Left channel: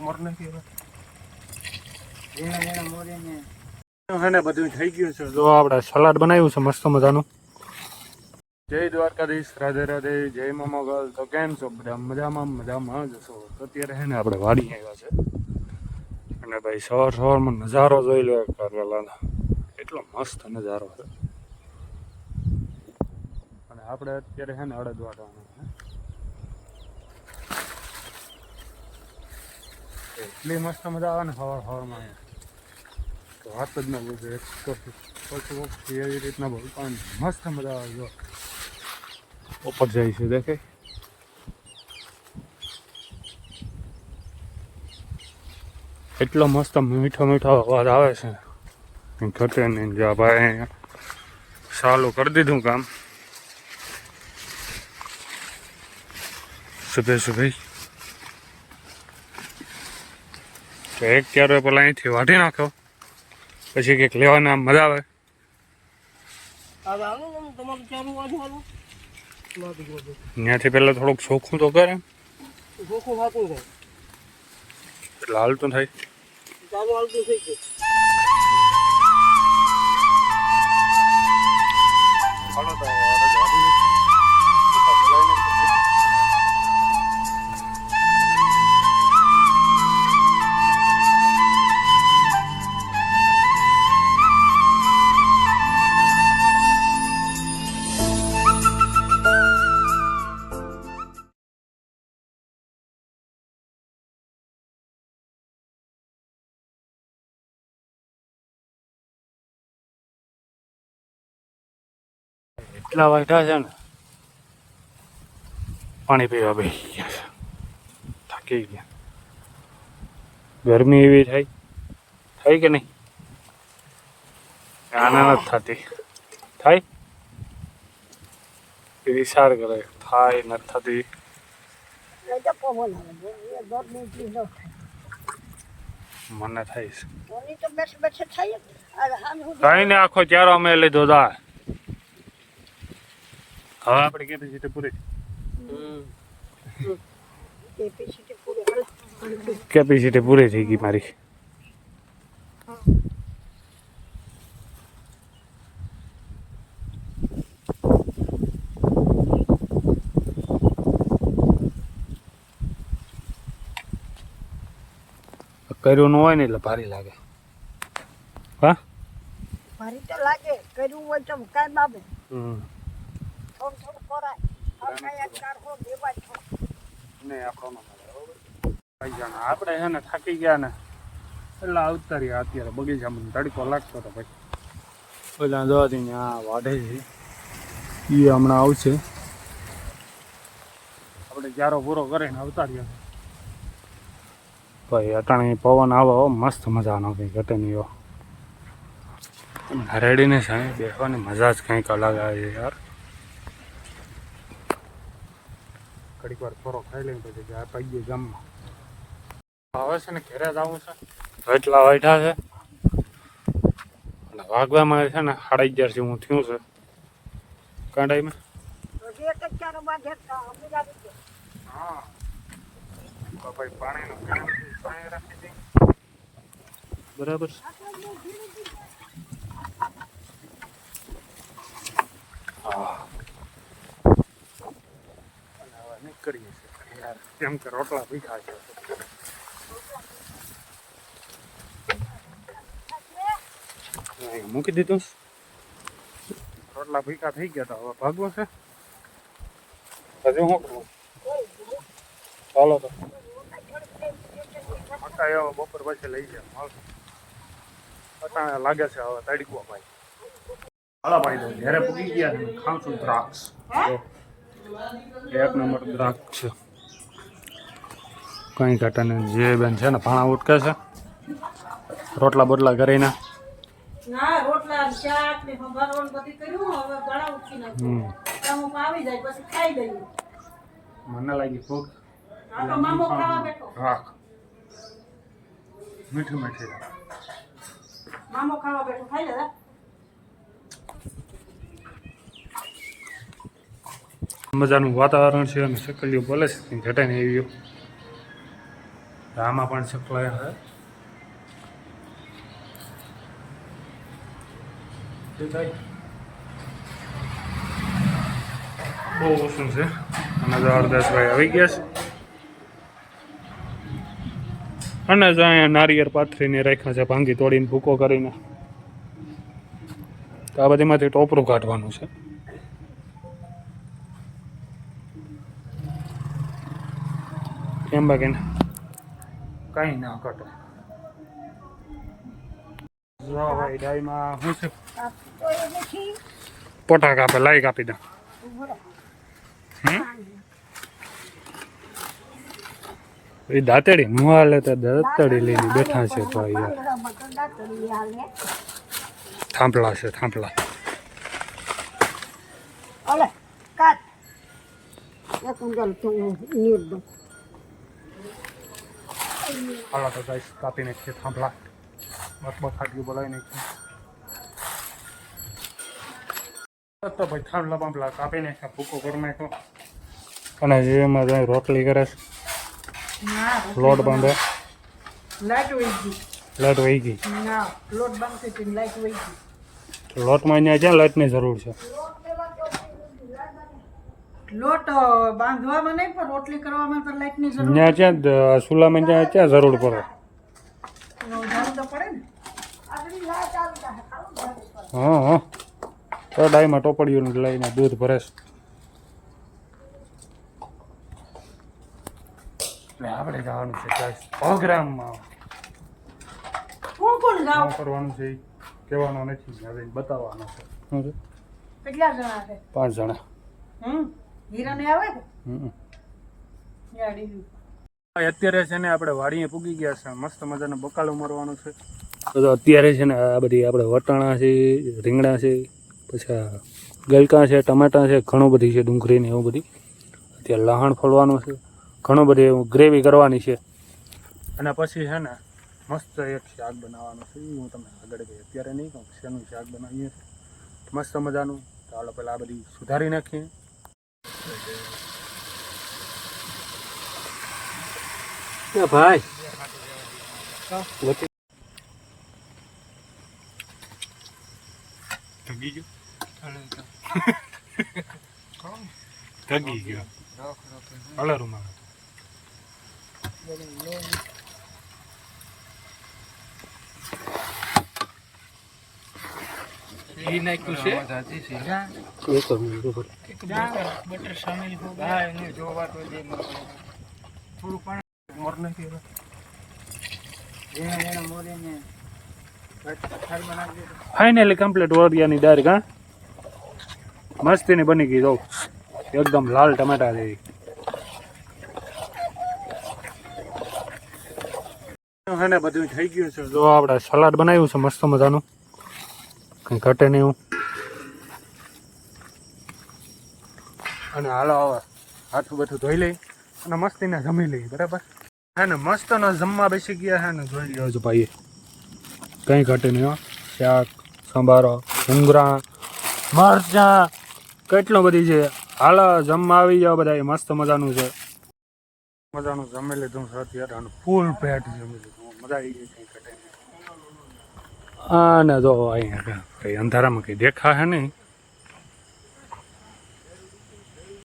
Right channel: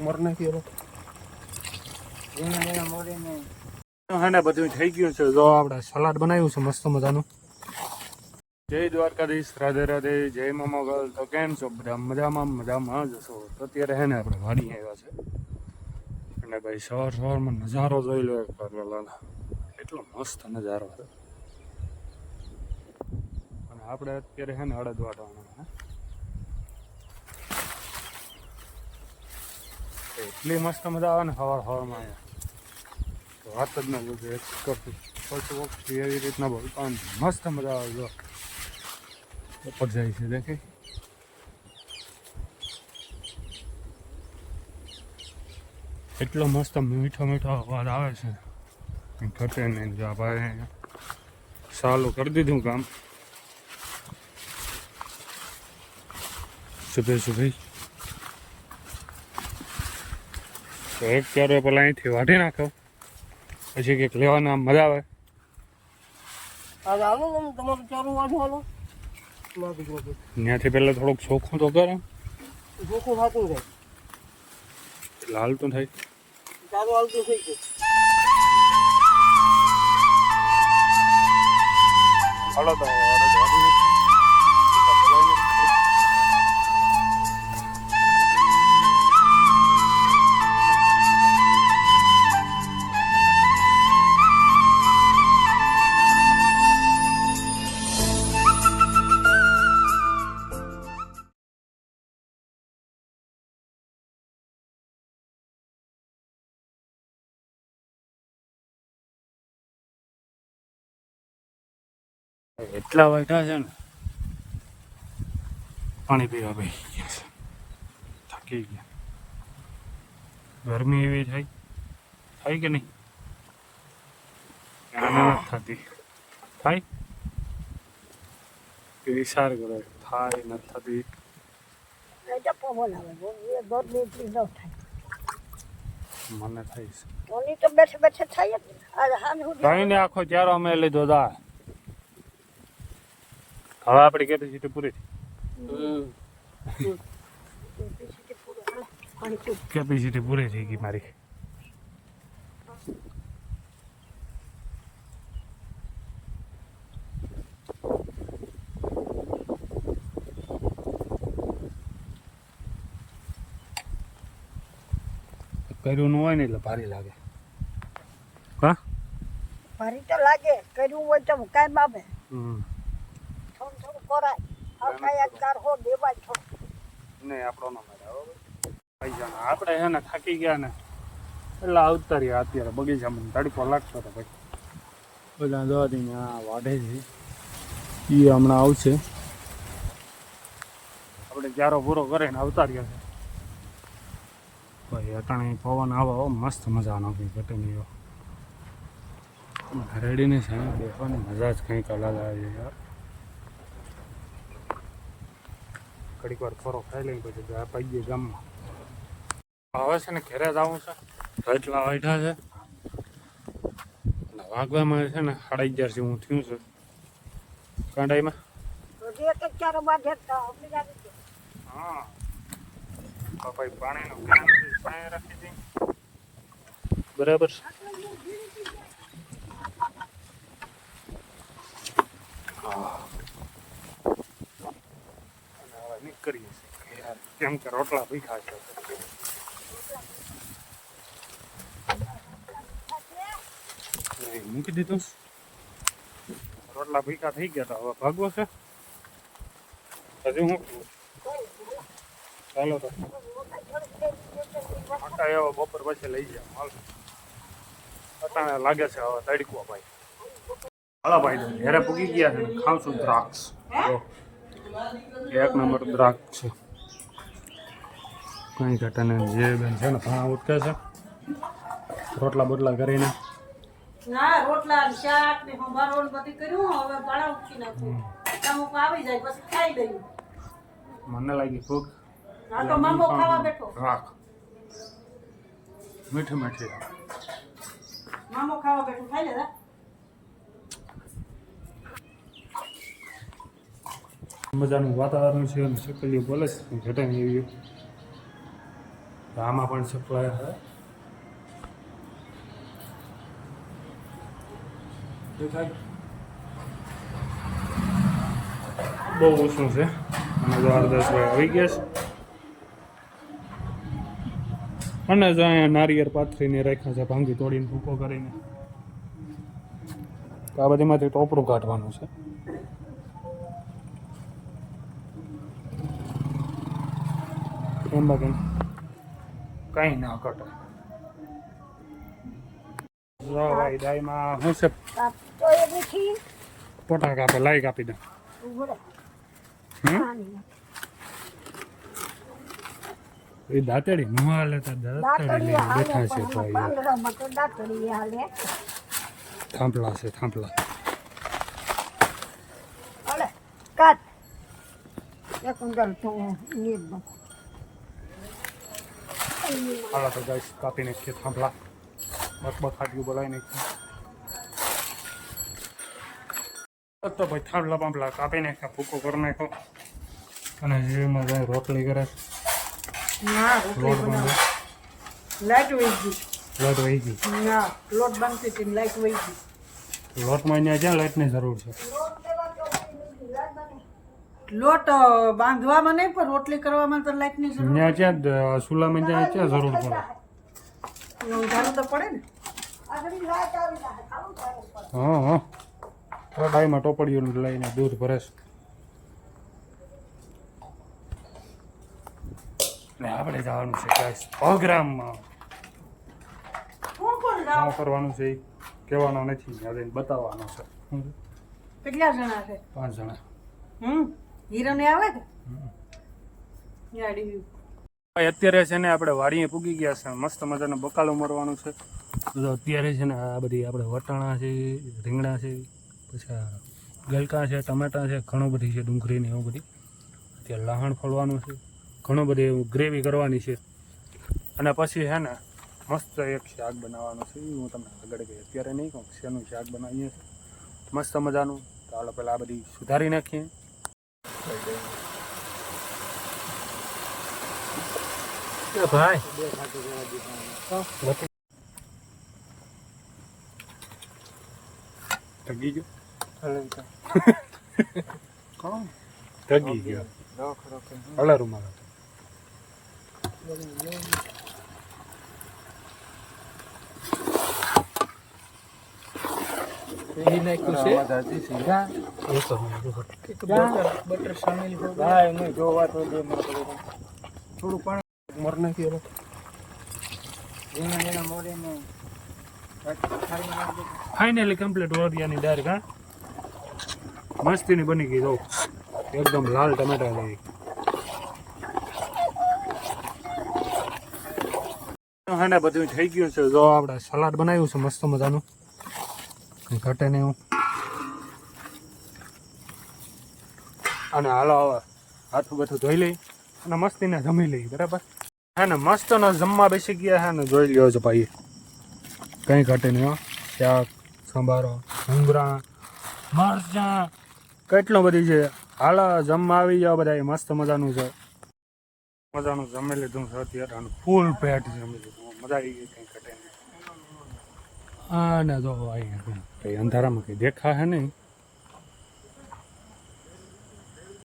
મર નથી એનો ઝીણા ઝીણા મોરીને હે ને, બધું થઈ ગયું છે. જો આપણે સલાડ બનાવ્યું છે, મસ્ત મજાનું. જય દ્વારકાધીશ, રાધે રાધે, જય મોમોગલ. તો કેમ છો? બધા મજામાં મજામાં જ હશો તો અત્યારે હે ને આપણે વાડી આવ્યા છે. અને ભાઈ, સવાર સવારમાં નજારો જોઈ લો કરલાલાના એટલો મસ્ત નજારો છે. અને આપણે અત્યારે હે ને વાટવાના એટલી મસ્ત મજા આવે ને સવાર સવારમાં અહીંયા તો વાત જ ના બોલું એક કરતું ફર્સ્ટ વખત એવી રીતના બોલતા પણ મસ્ત મજા આવે જો. ઉપર જાય છે દેખે એટલો મસ્ત મીઠો મીઠો અવાજ આવે છે. ઘટે નહીં જો ભાઈ ચાલુ કરી દીધું કામ. સુબે સુબે તો એક ક્યારે પેલા અહીંથી વાઢી નાખો પછી કંઈક આમ મજા આવે. ત્યાંથી પહેલાં થોડુંક ચોખ્ખું તો કરે. ચોખ્ખું થતું થાય. એટલે હાલતું થાય. ચારું હાલતું થઈ ગયું. એટલા વાગ્યા છે ને પાણી પીવા બેસી ગયા છે. થાકી ગયા. ગરમી એવી થાય થાય કે નહીં? આના નથી થતી. થાય? એ વિચાર કરે થાય નથી થતી. મને થાય છે. કઈ ને. આખો ચારો અમે લીધો દા હવે આપણી કેપેસિટી પૂરી કેપેસિટી પૂરી થઈ ગઈ મારી. કર્યું ન હોય ને એટલે ભારી લાગે. હા? ભારી તો લાગે કર્યું હોય તો કાંઈ બાબે. હમ. થોડું કરાય નહીં આપણો ન મળે બરાબર આપણે છે ને થાકી ગયા ને એટલે આવતા રહ્યા અત્યારે બગીચામાં તડકો લાગતો હતો ભાઈ. પેલા જોવાથી ત્યાં વાઢે છે. એ હમણાં આવશે. આપણે ક્યારો પૂરો કરીને આવતા રહ્યા છે ભાઈ અટાણે પવન આવો મસ્ત મજાનો કંઈ ઘટે નહીં એવો રેડીને સામે બેસવાની મજા જ કંઈક અલગ આવે છે યાર. ઘડીક વાર ફરો ખાઈ લઈને પછી જાય પાઈએ ગામમાં. હવે છે ને ઘેરે જ આવું છે. એટલા વાઢા છે. અને વાગવામાં છે ને સાડા અગિયાર જેવું થયું છે. કાંડાઈમાં? હા. ભાઈ પાણીનો પાણી રાખી દે. બરાબર છે? હા. નીકળીએ છીએ. કેમ કે રોટલા ભીખા છે. મૂકી દીધું. રોટલા ભીખા થઈ ગયા હતા હવે ભાગવો છે. હજુ શું કરવું ચાલો તો. મકા એવો બપોર પછી લઈ જાય માલ અટાણે લાગે છે હવે તડકો ભાઈ. હાલો ભાઈ તો ઘેરે પૂગી ગયા છે ને ખાવશું દ્રાક્ષ. જો. એક નંબર દ્રાક્ષ છે. કંઈ ઘટાને જે બેન છે ને ભાણા ઉટકે છે. રોટલા બોટલા કરીને. ના રોટલા શાક ને સંભારો બધું કર્યું હવે ભાડા ઉઠી નાખ્યું અમુક આવી જાય પછી ખાઈ લઈએ. મને લાગી ભૂખ. આ તો મામો ખાવા બેઠો. રાખ. મીઠી મીઠી. મામો ખાવા બેઠો. ખાઈ લેતા મજાનું વાતાવરણ છે અને સકલીઓ બોલે છે, કંઈ ઘટે નહીં એવી. આમાં પણ સપ્લાય હે. બહુ ઓછું છે. અને જબરદસ્ત ભાઈ આવી ગયા છે. અને જ અહીંયા નારિયેળ પાથરીને રાખ્યા છે, ભાંગી તોડીને ભૂકો કરીને. તો આ બધીમાંથી ટોપરું કાઢવાનું છે. એમ બાકીને કંઈ ના ભાઈ ડાયમાં શું છે? પોટા કાપે લાઈ કાપી દો. એ દાંતેડી? મુહાલે તો દાંતેડી લઈને બેઠા છે હાલે થાંભલા છે, થાંભલા. કાટ. એક કુંડલ તું નીર દઉં. હાલા તો ગાઈસ કાપી નાખીએ થાંભલા બક બક ખાટીયું બોલાવી નાખીએ તો ભાઈ થાંભલા બાંભલા કાપી નાખ્યા ભૂકો કરી નાખ્યો અને જેમાં જાય રોટલી કરે છે લોટ બાંધવા લાઈટ વહી ગઈ લાઈટ વહી ગઈ ના લોટ બાંધતી હતી લાઈટ વહી ગઈ લોટમાં અહીંયા ક્યાં લાઈટની જરૂર છે લોટ બાંધવામાં નહીં પણ રોટલી કરવામાં તો લાઈટની જરૂર ત્યાં ક્યાં ચૂલામાં ત્યાં ક્યાં જરૂર પડે. ઉધારું તો પડે ને? હા હા. તો ડાયમાં ટોપડીયું લઈને દૂધ ભરે છે. ને આપણે જવાનું છે ગાઈસ પ્રોગ્રામમાં શું કરવાનું છે એ કહેવાનો નથી ત્યાં જઈને બતાવવાનો છે. છે? કેટલા જણા છે? પાંચ જણા. હમ? હીરાને આવે? કે અત્યારે છે ને આપણે વાડીએ પૂગી ગયા છે. મસ્ત મજાનો બકાલો મરવાનો છે. તો અત્યારે છે ને આ બધી આપણે વટાણા છે રીંગણા છે પછી ગલકાં છે ટમાટા છે ઘણું બધી છે ડુંગળી ને એવું બધી. અત્યારે લહાણ ફોડવાનું છે. ઘણું બધી એવું ગ્રેવી કરવાની છે. અને પછી છે ને મસ્ત એક શાક બનાવવાનું છે. હું તમને આગળ ગઈ અત્યારે નહીં કહું શેનું શાક બનાવીએ છીએ. મસ્ત મજાનું. તો હાલો પહેલાં આ બધી સુધારી નાખીએ. ભાઈ. થગી ગયો. થગી ગયો. હલા રૂમાલ એ નાખ્યું છે. બટર એને જોવા તો દે થોડું પાણી મોર નાખી હવે. ફાઇનલી કમ્પ્લીટ ઓરિયાની ડાયરેક્ટ હા મસ્તીની બની ગઈ જો. એકદમ લાલ ટમેટા જેવી. હા ને બધું થઈ ગયું છે. જો આપણે સલાડ બનાવ્યું છે મસ્ત મજાનું. કંઈ ઘટે નહીં એવું. અને હાલો હવે, હાથું બધું ધોઈ લઈ અને મસ્તીને જમી લઈ, બરાબર? હે ને મસ્તનો જમવા બેસી ગયા હે ને, જોઈ લ્યો છો ભાઈ કંઈ ઘટે નહીં હો. શાક, સંભારો ભૂંગળા મરચાં, કેટલું બધી છે. હાલો, જમવા આવી જાઓ બધા. મસ્ત મજાનું છે. મજાનું જમી લીધું અત્યારે. અને ફૂલ પેટ જમી લીધું. મજા આવી ગઈ, કંઈ ઘટે નહીં. અને જો અહીંયા કંઈ અંધારામાં કંઈ દેખાશે નહીં.